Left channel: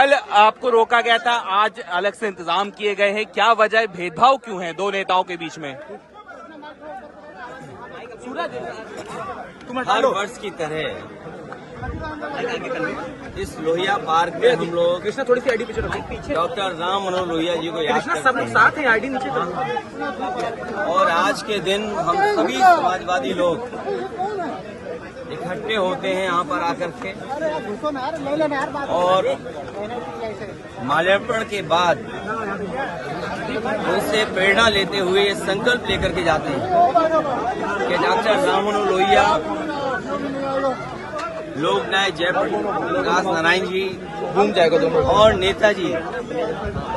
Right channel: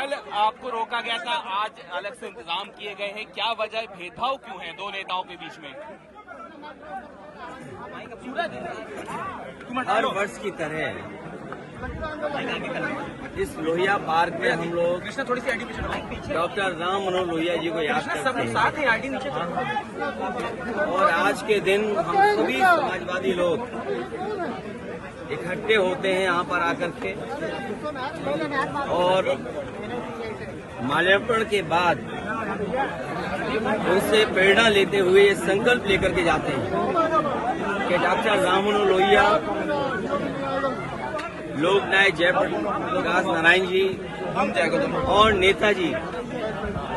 कल आपको रोका गया था, आज अलग से इंतजाम किए गए हैं, क्या वजह, भेदभाव क्यों है दो नेताओं के बीच में? हर वर्ष की तरह इस लोहिया पार्क में हम लोग थोड़ी सी आईडी पीछे डॉक्टर राम मनोहर लोहिया जी को याद करते हैं। आईडी नीचे और आज के दिन हम सभी समाजवादी लोग इकट्ठे होते हैं यहाँ पर आकर के, और माल्यार्पण के बाद उनसे प्रेरणा लेते हुए संकल्प लेकर के जाते हैं कि डॉक्टर राम मनोहर लोहिया, लोकनायक जयप्रकाश नारायण जी घूम जाएगा और नेताजी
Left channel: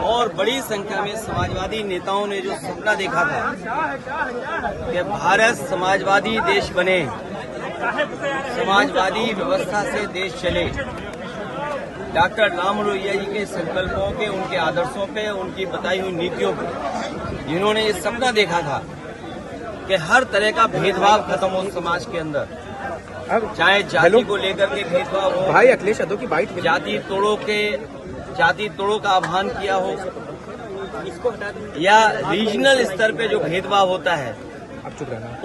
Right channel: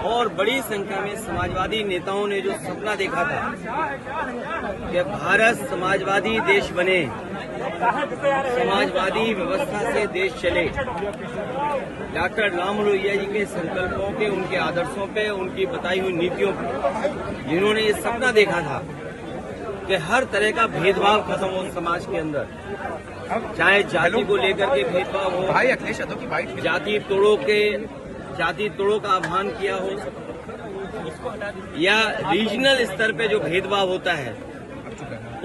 और बड़ी संख्या में समाजवादी नेताओं ने जो सपना देखा था कि भारत समाजवादी देश बने, समाजवादी व्यवस्था से देश चले, डॉक्टर राम लोहिया जी के संकल्पों पे, उनके आदर्शों पे, उनकी बताई हुई नीतियों पे, जिन्होंने ये सपना देखा था कि हर तरह का भेदभाव खत्म हो समाज के अंदर, चाहे जाति को लेकर के भेदभाव हो, भाई अखिलेश यादव की बाइट, जाति तोड़ों का आह्वान किया हो, या रीजनल स्तर पे जो भेदभाव होता है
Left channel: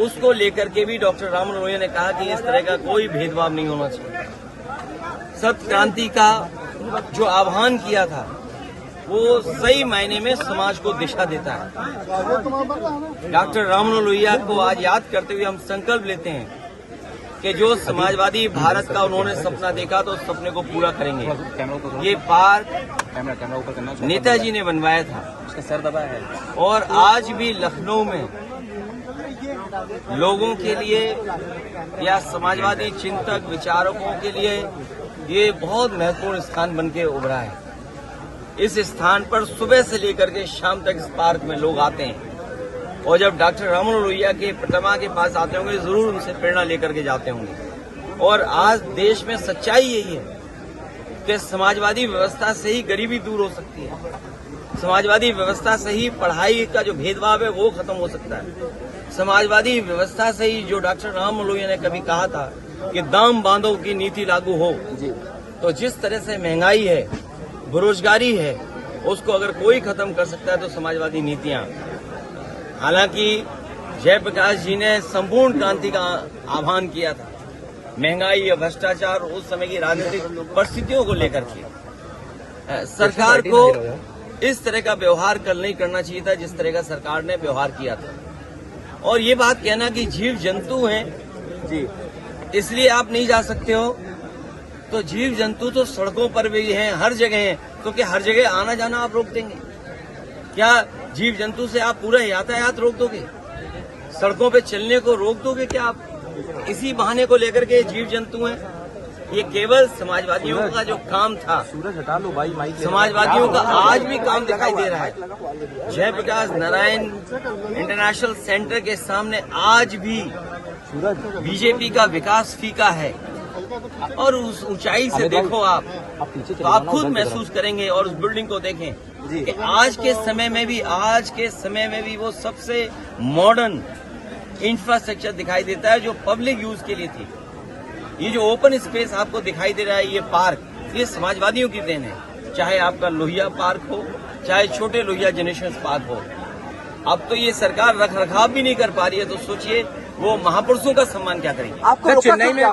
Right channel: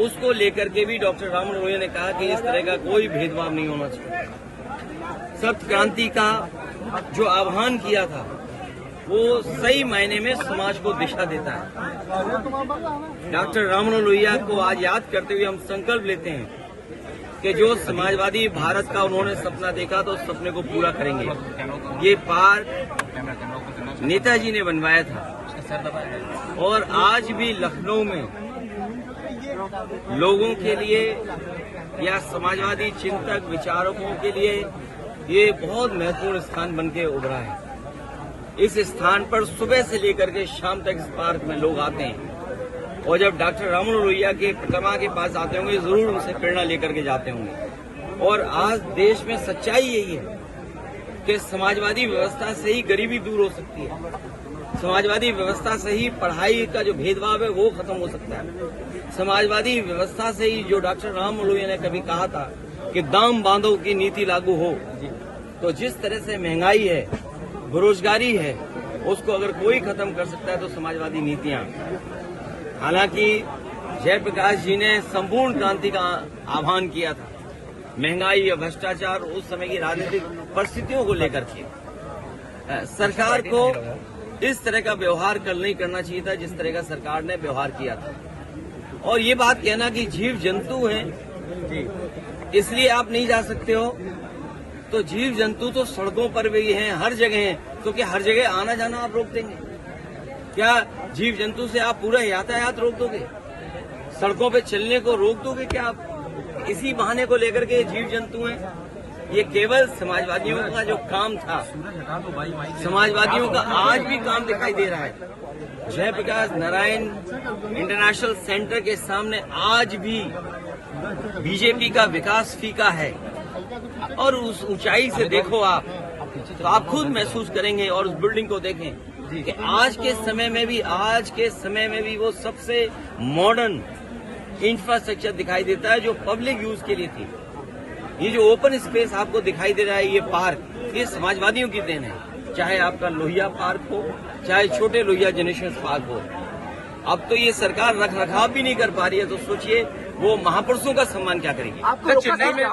उसको लेकर के भी डॉक्टर राम मनोहर लोहिया ने कहा कि इस तरह का कोई भेदभाव नहीं होना चाहिए। सत्य क्रांति का जो आह्वान किया था वो सही मायने में समाज को दिशा देता है। डॉक्टर राम मनोहर लोहिया को आज याद करते हुए हम संकल्प लेते हैं कि जो समाजवादी भारत का उन्होंने सपना देखा तो उस सपने को पूरा करेंगे। ये पार्क नेताजी ने बनवाया था और आज भी लखनऊ में लोगों के लिए या समाजवादी चिंतक विचारकों के लिए ये बहुत महत्वपूर्ण स्थान बनके उभरा है। इस स्थान पर सुबह से लेकर के शाम तक इस पार्क में लोग आते हैं और जब डॉक्टर राम मनोहर लोहिया के प्रतिमा के पास आते होंगे जरूर उनसे प्रेरणा लेकर के जाते होंगे। और आज देश में सच्चाई यही है कि समाजवादी व्यवस्था से ही गरीबी दूर हो सकती है, समाजवादी व्यवस्था से ही पढ़ाई का जो भेदभाव है वो खत्म हो सकता है, समाजवादी व्यवस्था से ही जो डॉक्टर राम मनोहर लोहिया ने कभी कहा था कि दाम बांधो की नीति लागू हो, तो जिस तरह से महंगाई है, बेरोजगारी है, उसको अगर कोई खत्म कर सकता है तो समाजवादी नीतियां। हालांकि जयप्रकाश जी ने संपूर्ण क्रांति का आह्वान किया था, महंगाई या भ्रष्टाचार उस समय की राजनीतिक परिस्थितियों को लेकर के सरकार को इस तरह का व्यवहार कल नहीं करना चाहिए था जिस तरह का सरकार ने व्यवहार किया था। और ये बात कहना कि जीव जंतु हैं इसलिए आप नहीं जा सकते हो, तो जीव जंतु तो सड़कों पर भी हैं, हर जगह हैं, क्योंकि हर जगह आना जाना आप रोक देंगे क्या? जीव जंतु से आप पूरा यातायात रोक दोगे? सड़कों पे चलने को रोक दोगे क्या आप? इसी बहाने को लेकर के जीव जंतु हैं। ये केवल समाजवादियों का जो काम था, समाजवादियों का आज भी काम दिखाई दे रहा है। जयप्रकाश नारायण इंटरनेशनल सेंटर के सामने आज भी बीजेपी का विकास फीका है, और उस ऊंचाई से देखो आप तो आप खुद महसूस करेंगे, और उस बिल्डिंग को देखें कि आज के समय में भी वो सबसे मॉडर्न इंफ्रास्ट्रक्चर दिखाई देता है जो पब्लिक यूज के लिए थी। ये जो ओपन स्पेस आपको दिखाई दे रहा है, ये पार्क, ये समाजवादियों की देन है, चाहे आपका लोहिया पार्क हो, चाहे छोटे लोहिया जेनेरेशन पार्क हो। अब तो ये सरकार रख रखाव भी नहीं कर पा रही है, तो सोचिए वो महापुरुषों का सम्मान क्या करेंगे। चेन्नई में